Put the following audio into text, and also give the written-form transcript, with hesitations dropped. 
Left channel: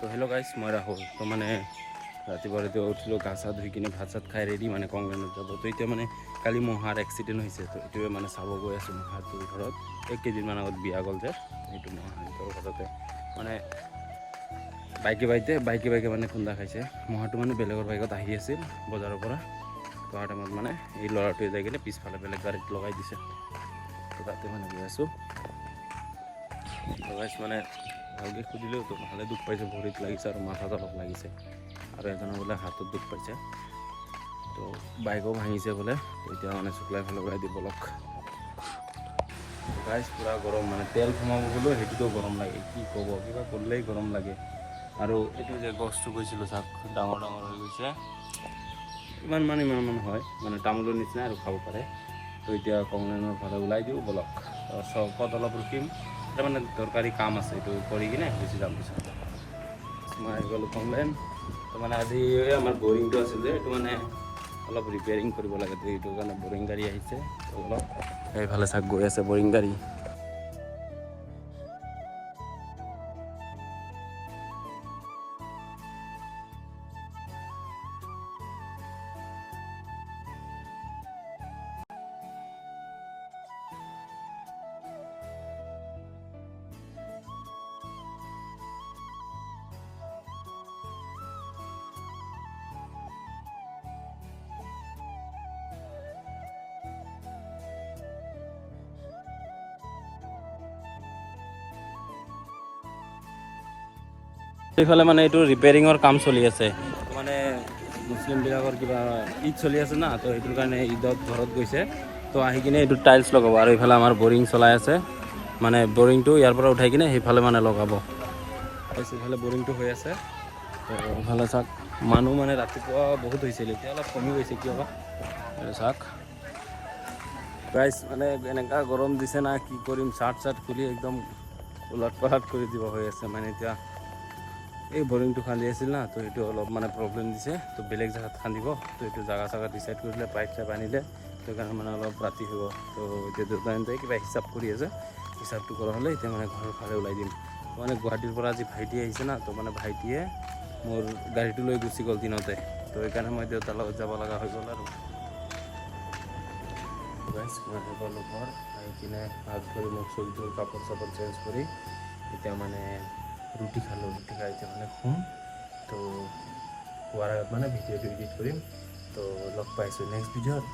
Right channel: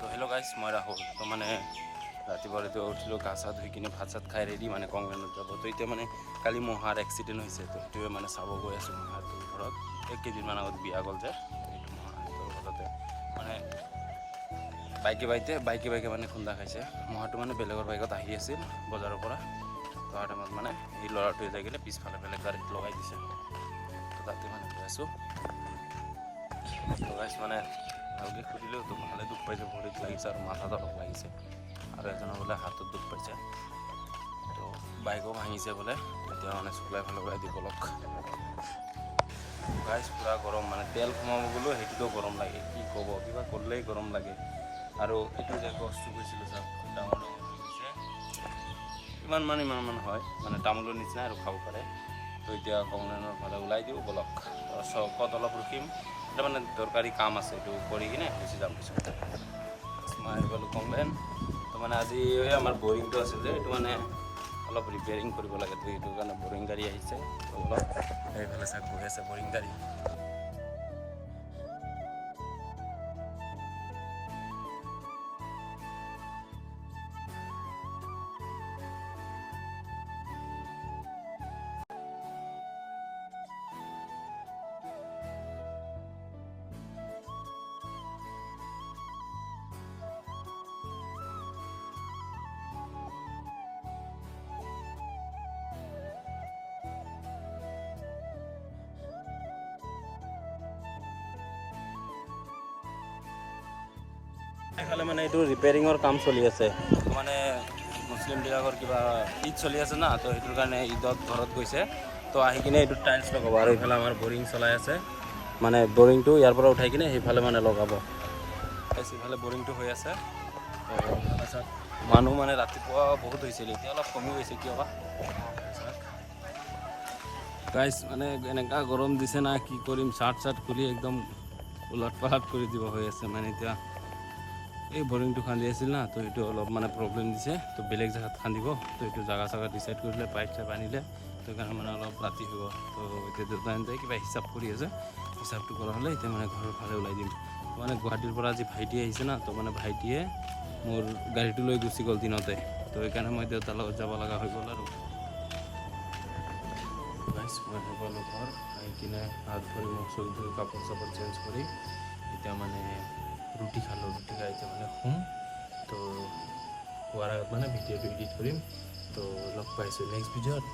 তো হেল্ল' গাইছ, মই ৰাহুল। তো মানে ৰাতিপুৱা উঠিলোঁ, গা চা ধুই কিনে ভাত চাত খাই ৰেডি মানে কংগ্ৰেনত যাব। তো এতিয়া মানে কালি মহাৰ এক্সিডেণ্ট হৈছে, তো এইটোৱে মানে চাব গৈ আছোঁ। মহাটোৰ ঘৰত 1 কেজিমান আগত বিয়া গ'ল যে, সেইটো মহাটোৰ ঘৰতে মানে বাইকে মানে খুন্দা খাইছে। মহাটো মানে বেলেগৰ বাইকত আহি আছিল বজাৰৰ পৰা। তো অহা টাইমত মানে এই ল'ৰাটোৱে যাই কিনে পিছফালে বেলেগ গাড়ীত লগাই দিছে। তো তাতে মানে গৈ আছোঁ। তো গাইছ মানে ভালকৈ সুধিলেও তো ভালে দুখ পাইছে, ভৰিত লাগিছে আৰু মাথাত অলপ লাগিছে, আৰু এজনৰ বোলে হাতত দুখ পাইছে। তো বাইকো ভাঙিছে বোলে। এতিয়া মানে চুকলাই ফালৰ পৰা দিব লগ গাইছ, পূৰা গৰম মানে তেল সোমাব গ'লেও সেইটোতো গৰম লাগে, কি ক'ব, কিবা কৰিলেই গৰম লাগে। আৰু এইটো যে গছটো গৈছিলোঁ চাওক, ডাঙৰ হৈ গৈছে। ইমান হয় মানে তামোলৰ নিচিনা আৰু খাব পাৰে। তো এতিয়া কমলেনৰ ফালে ওলাই দিওঁ বলক। চকত অলপ ৰখিম, এটা মানে দৰকাৰী কাম আছে, এইটো কৰি কিনে গুচি যাম পিছত। মই আহি গ'লোঁ কমলেন। তো মানে আজি আমাৰ বৰিংটো আছে যে, এইটো মানে অলপ ৰিপেয়াৰিং কৰিব লাগে। তো এইটো কাৰণে বৰিং গাড়ী আহিছে। অলপ সেইফালে চাক গৈ আছে বৰিং গাড়ী। এইফালে মানে এইটো ৰিপেয়াৰিঙৰ কাম চলি আছে। মানে মুছলিমবিলাকৰ কিবা ঈদ চলি আছে না, তো সেইটোৰ কাৰণে ঈদত ঘৰত গৈছে। তো আহি কিনে এইটো টাইলছ লগাব, আৰু এইফালে আমাৰ বৰিং চলাই আছে। মানে বৰিংটো ইয়াৰ পৰা উঠাই কিনে সেইফালে মানে লগাব। এইফালে বৰিংটো হৈ আছে। তো এইফালে চাওক, মানুহ মানে ৰাতিপুৱা বহুত হৈছিল, এতিয়া অলপ কমি গৈছে কিয় বা। চাওক গাইছ, মানে এনেকুৱা গৰম দিছে না, কি কৰিম, চাৰ্ট খুলি একদম উলট পালট কৰি দিব হৈ আছে। মানে এতিয়া এই বৰিংটো খান্দি আছিল না, তো এইটো অলপ মানে প্ৰব্লেম দিছে। তো বেলেগ জেগাত খান্দিব, তো এইটো জাগা ডিচাইড কৰিলে, পাইপ চাইপ আনিলে। তো সেইকাৰণে মানে অলপ ৰাতি হ'ব। তো এতিয়া দেউতাহঁতে কিবা হিচাপ কৰি আছে, হিচাপটো কৰা হ'লে এতিয়া মানে ঘৰৰ ফালে ওলাই দিম। মানে গুৱাহাটীৰ পৰা আজি ভাইটি আহিছে না, তো মানে ভাইটিয়ে মোৰ গাড়ীটো লৈ গুচি গ'ল দিনতে। তো সেইকাৰণে মই দেউতাৰ লগত যাব লগা হৈ গ'ল। আৰু গাইছ, মই আহি পালোঁ ঘৰ। আহি কিনে হাত ভৰি মুখ চুখ ধুই কাপোৰ চাপোৰ চেঞ্জ কৰি এতিয়া মানে ৰুটি খালোঁ। ৰুটি খাই এতিয়া মানে শুম। তো শোৱাৰ আগত মানে ভিডিঅ'টো এডিট কৰিম। তো লগ পাইছোঁ নেক্সট ভিডিঅ'ত।